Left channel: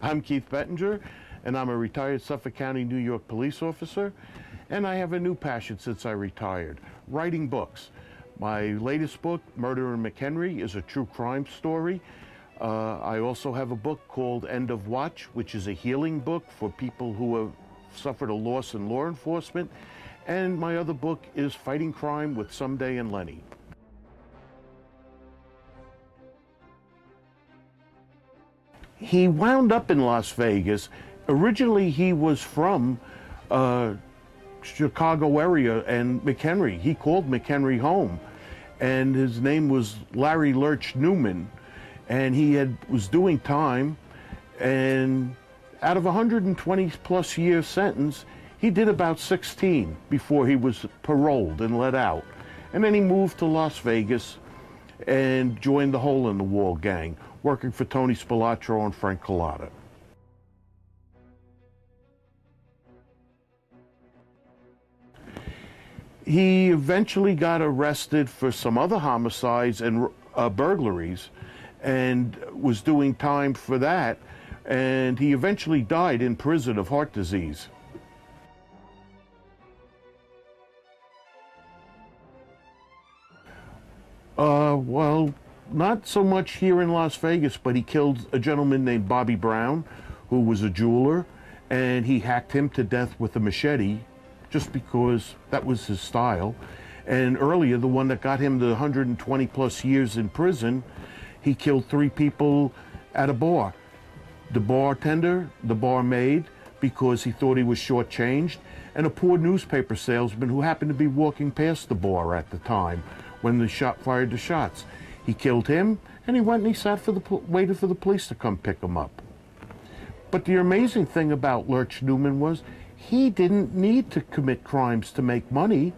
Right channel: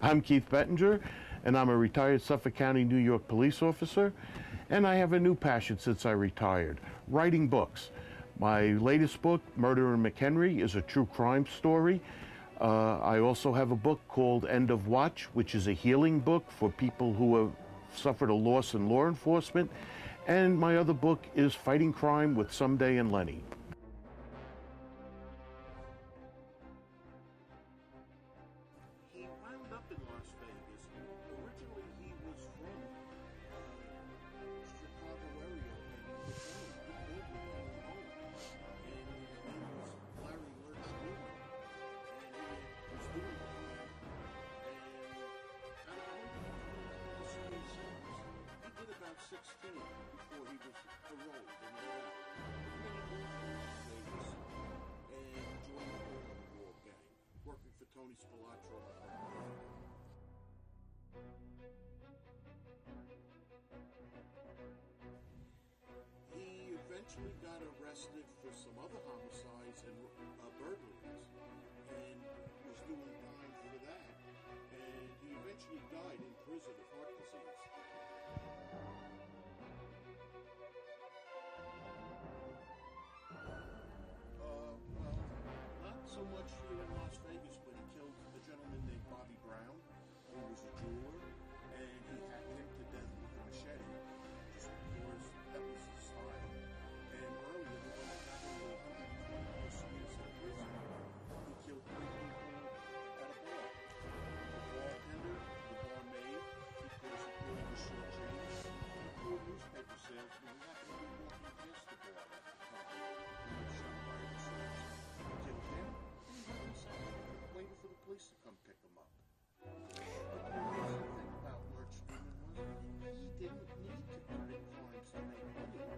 I'm Keith Bettinger, and I'm a retired Suffolk County, New York police officer, and I have a new passion since I retired, writing books. My latest book, Murder in McHenry, is a true crime story. I also have a book called End of Watch, which is a healing book for people who have suffered a loss in law enforcement. And my other book is Fighting Crime with Someday and Lenny. He wound up in Las Vegas. Originally, he was from Chicago area and McHenry. He called McHenry home, and his name was Larry Newman, and he was doing time, and out of 120 plus year sentence, he did about 16 before he was paroled and let out. And then he moved to Las Vegas and joined the Hole in the Wall gang, working for Tony Spilotro and Frank Collada. He eventually got arrested for some other homicides and burglaries and was doing time for that, and he eventually died in prison of heart disease. Well, not so much here in Las Vegas, but he killed a gentleman named Bobby Brown, who was a jeweler, and he hacked him to death with a machete just because that was his style. And earlier, the one that got him the 120 plus years in prison, he killed 3 people at a bar. The bartender, the barmaid, because he thought he was shortchanged, and a poor newspaper salesman who happened to be walking past the bar at the time when the fired the shots. He killed him, and he went and he sat waited for the police to come pick him up. But the amazing thing about Lurch Newman was he didn't need to commit crimes to make money.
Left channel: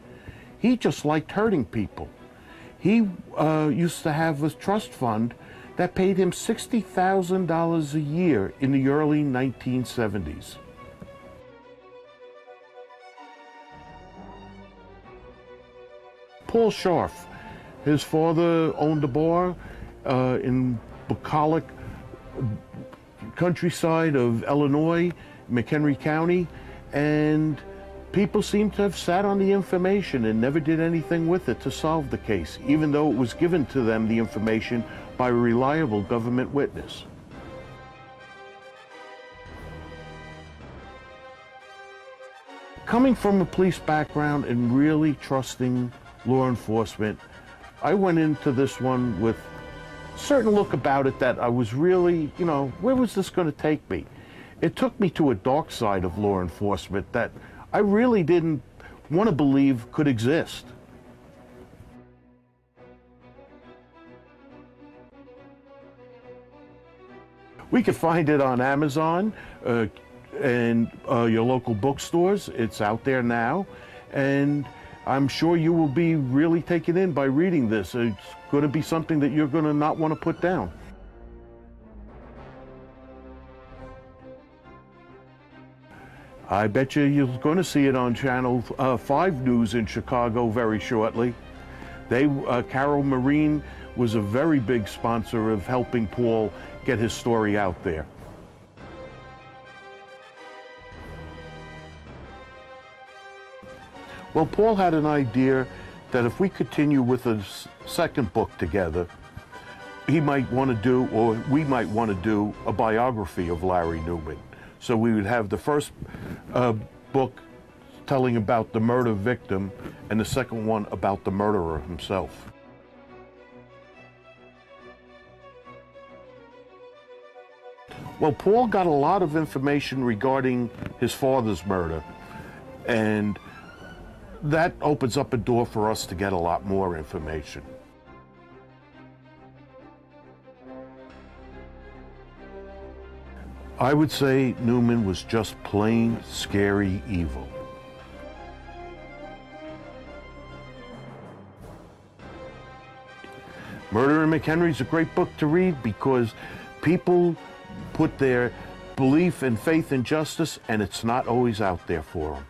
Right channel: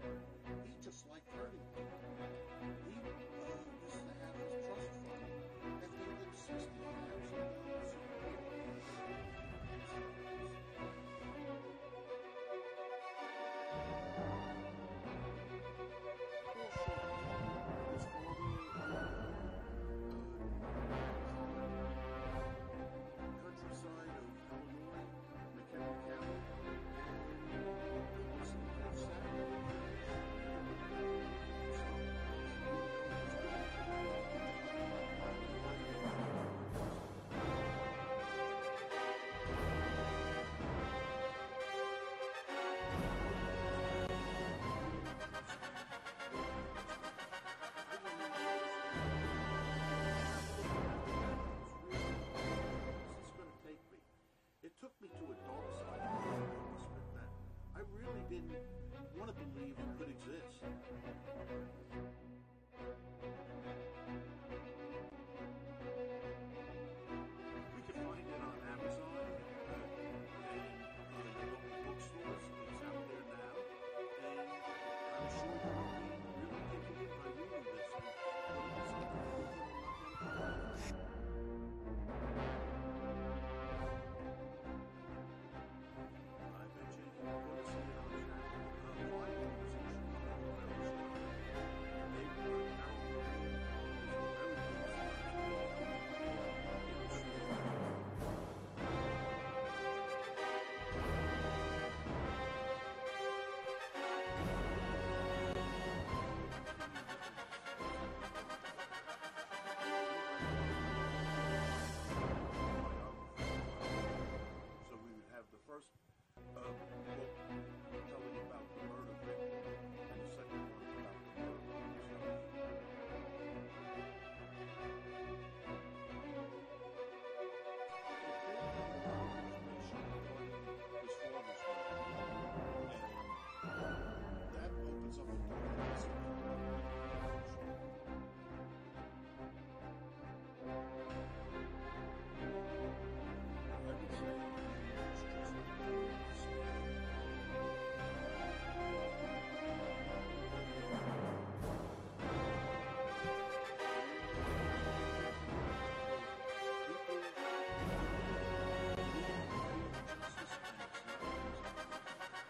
He just liked hurting people. He used to have a trust fund that paid him $60,000 a year in the early 1970s. Paul Scharf, his father owned a bar in bucolic countryside of Illinois, McHenry County, and people seem to have sat on the information and never did anything with it to solve the case, even though it was given to them, the information, by a reliable government witness. Coming from a police background and really trusting law enforcement, I went into this one with a certain look about it that I was really, where was this going to take me? It took me to a dark side of law enforcement that I really didn't want to believe could exist. We could find it on Amazon and your local bookstores. It's out there now, and I'm sure you will be really taken in by reading this. It's going to be something that you're going to not want to put down. I bet you're going to see it on Channel 5 News in Chicago very shortly. Carol Marine was a very big sponsor of helping Paul get his story out there. Well, Paul had an idea that if we continue with a second book together, he might want to do, or we might want to do, a biography of Larry Newman. So we would have the first book telling about the murder victim and the second one about the murderer himself. Well, Paul got a lot of information regarding his father's murder, and that opens up a door for us to get a lot more information. I would say Newman was just plain scary evil. Murder in McHenry is a great book to read because people put their belief and faith in justice, and it's not always out there for them.